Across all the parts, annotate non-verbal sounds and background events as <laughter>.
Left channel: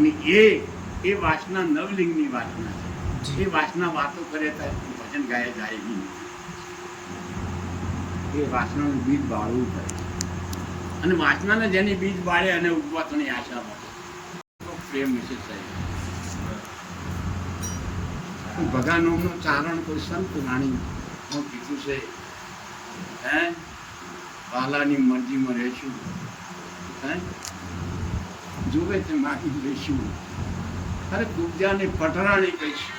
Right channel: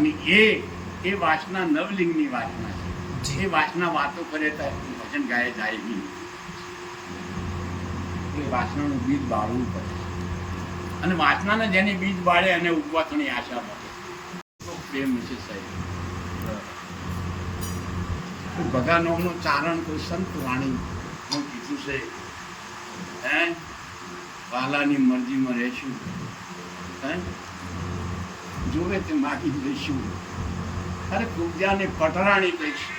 અને એ એ વાસના નવલિંગની વાસના છે. જી. એ વાસના વાતો કરે તો ભજન ગાય જાય નહીં. એ વાસનાનું બીજ બાળવું પડે. અને વાસનાને જેની બીજ બાળે અને ઉગવા થવાની આશા મળે. પ્રેમ છે સાહેબ. ભગાનોમનું ચારણ કોઈ સંત વાણી હું કીધું છે. હે? વાલાની મરજીમાં રહેશું. હે? જોવે તે માગી લઈશું અરે કુબજાને પટરાણી કહીશું.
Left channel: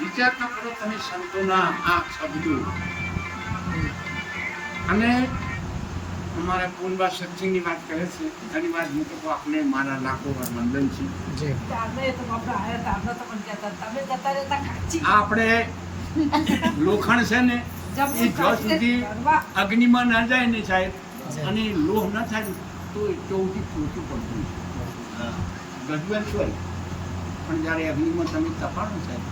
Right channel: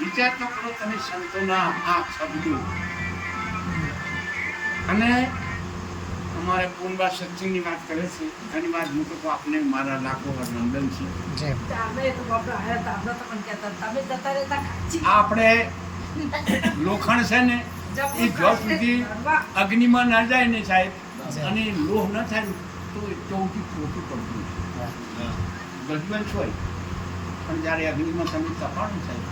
વિચાર તો કરો તમે સંતોના આ શબ્દો. અને અમારે પૂનબા સચિનની વાત કરે છે. ઘણી વાર હું તો આપને મારા લાખો વાર વંદન છે. આ આપણે લોખંડ છે ને એ જો સુધી અગ્નિમાં ન જાય ને સાહેબ. અને લોહ ન થાય તો ચૌથી પોતું પડતું ગજવેલ હોય. પણ જ્યારે અગ્નિમાં તમે તપાડો સાહેબ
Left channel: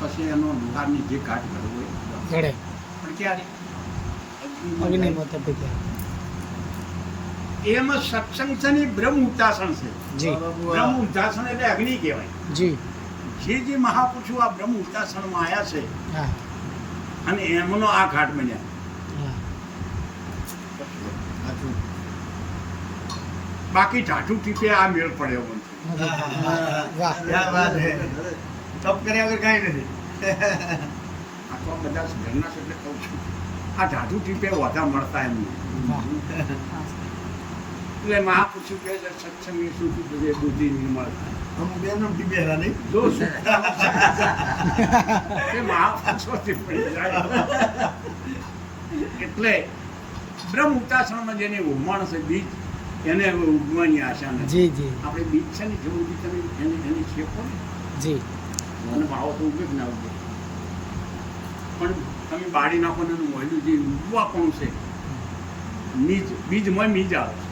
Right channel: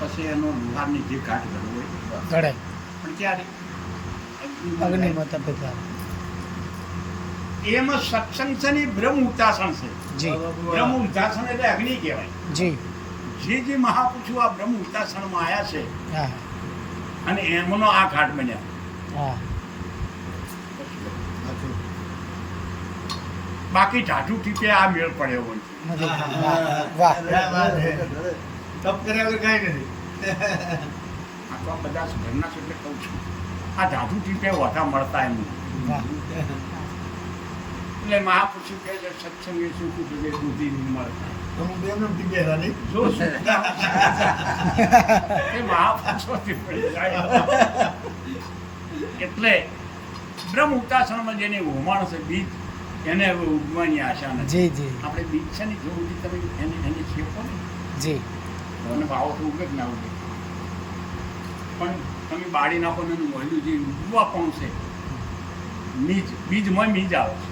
પછી એનો લોહારની જે ઘાટ કરવો હોય. ઘડે. પણ ક્યારે? અગ્નિમાં તપે ત્યારે. એમાં સત્સંગ છે ને બ્રહ્મ ઉતાસણ છે. જી. બ્રહ્મ ઉતાસણ એટલે અગ્નિ કહેવાય. જી. જે જે મહાપુરુષો આ બ્રહ્મ ઉતાસણમાં આવ્યા છે અને એમનો આ ઘાટ બન્યા. હા. બાકી ટાટુ ટીપે આ મેળ પડ્યો નથી તપ કર્યા વગર કાંઈ નથી. આ તો આ બધા ઘરના છે એટલે કહું છું. આ ટાટુ ટીપે વધા મળતા એમ એટલે મહાપુરુષો કહે છે સત્સંગ એ સુખ બધે બુદ્ધિ જાય. એટલે બ્રહ્મ ઉતાસણમાં જેની હોમાણ છે બીજ એને ઉગવાની આશા નથી. જી જી. આપણે બીજ છે ને જો સુધી તમે એને એની શેપો ને. જી. અને ભાવો તો ઉગે જ ના ઉગે પણ તમે બાળી નાખો ને મોયલું જે ઉગવા છે બીજ બીજમાં બીજ આવે છે.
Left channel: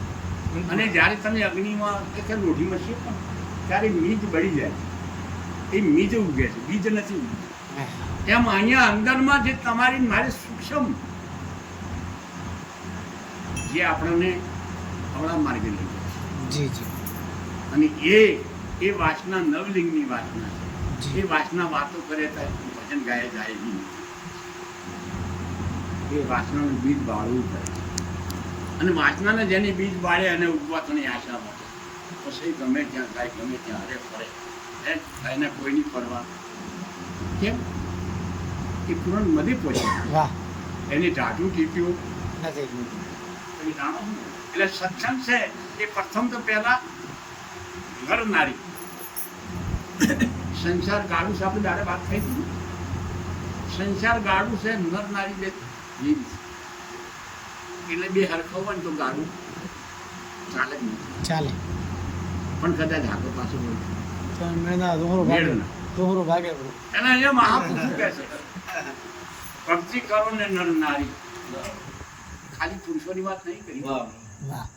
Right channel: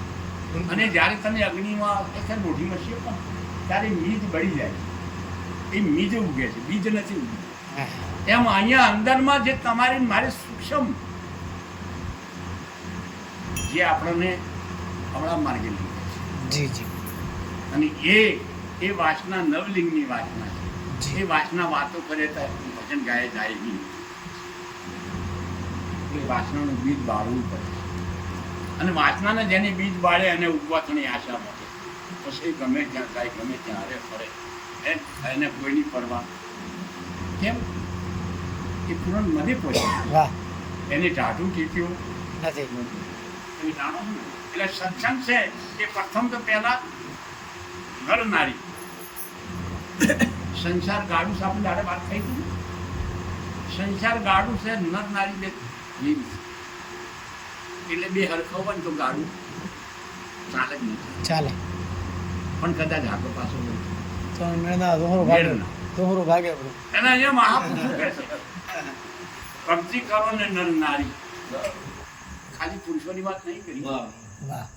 અને જ્યારે તમે અગ્નિમાં કે લોઢીમાં શેપો ને ત્યારે મીજ બળી જાય છે. એ બીજ ઉગે છે બીજ નથી ઉગતું એમ અહીંયા અંદરમાં જે તમારી મારી સૂક્ષ્મ જે આપણને અવળા માર્ગે લઈ જાય જી જી. અને એ એ વાસના નવલિંગની વાસના છે. એ વાસના વાતો કરે તો ભજન ગાય જાય નહીં. એ વાસનાનું બીજ બાળવું પડે અને વાસનાને જેની બીજ બાળે અને ઉગવા થવાની આશા મળે પછી ગમે ત્યાં ગાય ગમે ત્યાં હરે ફરે. હે એને કોઈની પરવા. કેમ? એ પૂરણ મધી પહોંચે વાહ. એની ટાઢું ટીપ્યું નથી. જાણો ને? એટલે સત્સંગ છે એ પ્રથમ તો પહેલા નર નારી. સંસાર ગાડું છે આપણે દાડે વાત થઈ હતી સંસાર ગાડું છે નર નારી બે છે. એટલે બે હરખો હોય ને તો ગાડું ચાલે જ નથી. ચાલે. પણ કદાચ હાકો પાછો હોય. તો મેળના દોહરો ભાગે. દોહરો ભાગે બરો. એને અહીંયા મહાપુરુષો કહે છે. ભક્તિ કરો ને નર નારી. ખાલી પુરુષોની વાત નહીં કરી. વાહ.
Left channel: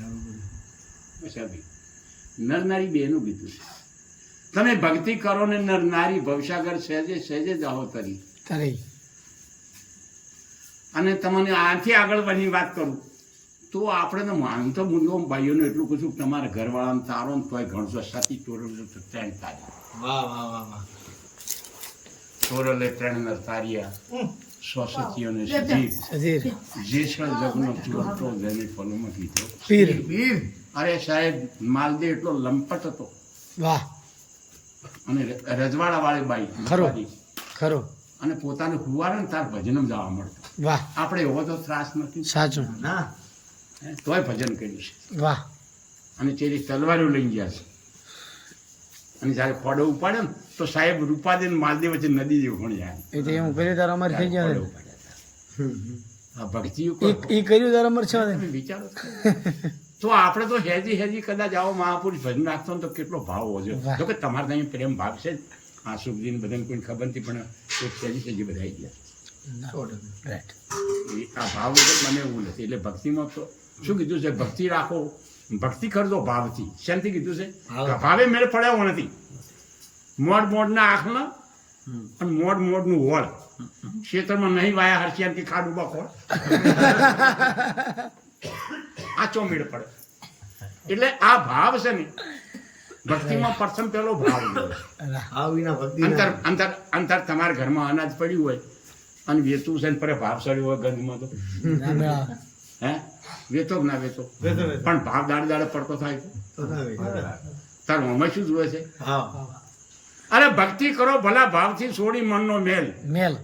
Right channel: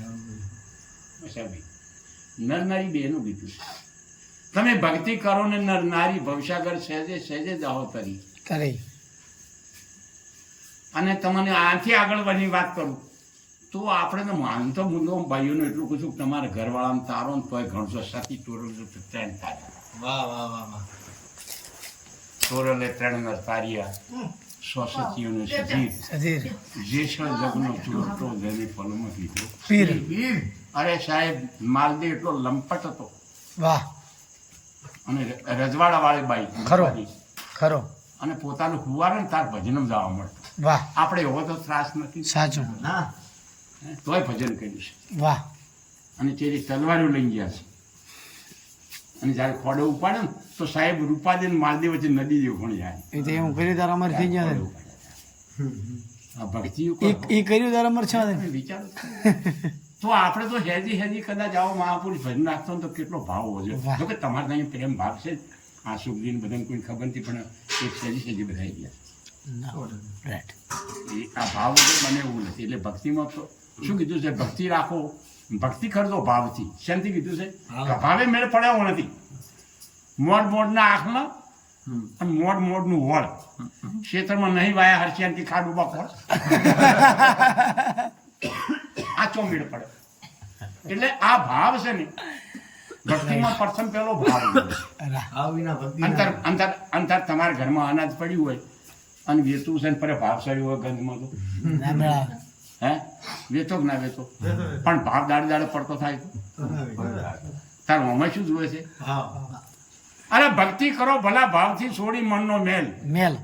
વાહ મશાભાઈ નર નારી બેનું કીધું છે. તમે ભક્તિ કરો ને નરનારી ભવસાગર સહેજે સહેજે જાઓ તરી. તરી. અને તમને આથી આગળ બની વાત કરું. તો આપણે તો માન તો મુદ્દો ભાઈઓને એટલું કહું છું કે તમારા ઘરવાળાને તારો ને તોય ઘણસો સતી તોરલ ત્રણ તારી. વાહ વાહ વાહ વાહ. તોરલે ત્રણ નર તાર્યા. સો સતીઓને સજી સધીર જે છે જગનો ચોરતો જેની ફલોમાં કીધો. પીર. અરે સાહેબ માલદે એટલો લંપટ હતો. વાહ. અને રજવાડા વાળી બાઈ ખરો. ખરો. અને પોતાનું હુવારે તાર ભજનમાં જવા મળતો. વાહ. આપણે એવો તો ત્રાસ નથી. સાચું. ના. તોય ભજન કર્યું છે. વાહ. અને તેની તલવારીઓ લઈ ગયા છે. અને જ્યારે ફોડો ઉપાડે ને તો સાહેબ રૂપા ને માલદેવ વચ્ચે નદી જેવું પણ જાય એ તો એવું કર્યું તારા અમારે થઈ ગયા આ ભક્તિ એ કર્યું તારા અમારે છે વિચારો તો. આપણે તો હેજી હેજી કદાચ આવો મહાપુરુષ ભજન રાખતો તો કેટલો ભાવ જોઈએ જો કે તમારે ત્યાં પ્રેમ ભાવ છે. આ સુખદીન બધાને કોઈ ખબર નથી પણ એક સહેજી સહેજી બધા ગયા. આ ભાવ મને એવું નથી. એટલે ભક્તિમાં તો શું કીધું છે? ભક્તિ રાખો. ભક્તિ કરજો ભાવથી. શેમથી કીધું છે? ભાવ. કે ભાવે મેળ પડ્યો નથી મોડ મોડના આંખના. અને મોડ મોડનું વળ ક્ષેત્રમાં નહીં વાયા હરશિયાન કે ખાડુબા ખોળ. <laughs> આ ચોમીડ પડે. એટલે આ ભાવ છે ને ભક્તિમાં પ્રથમ પેલો ભાવ અંતર અંતર અંતર તમારા ઘરમાં અનાજ પડ્યું હોય અને વેચવું છે ને પરે ભાવ સડ્યું હોય ગંધમાં તો. મેળ. હે? વેચો કે ના વેચો? પણ ભાવ દાડે દાડે પડતો થાય છે. તારું અમે શું જુએ છે? અરે ભક્તિ કરો ભલા ભાવથી છોડી મનનો મેલ. મેલ.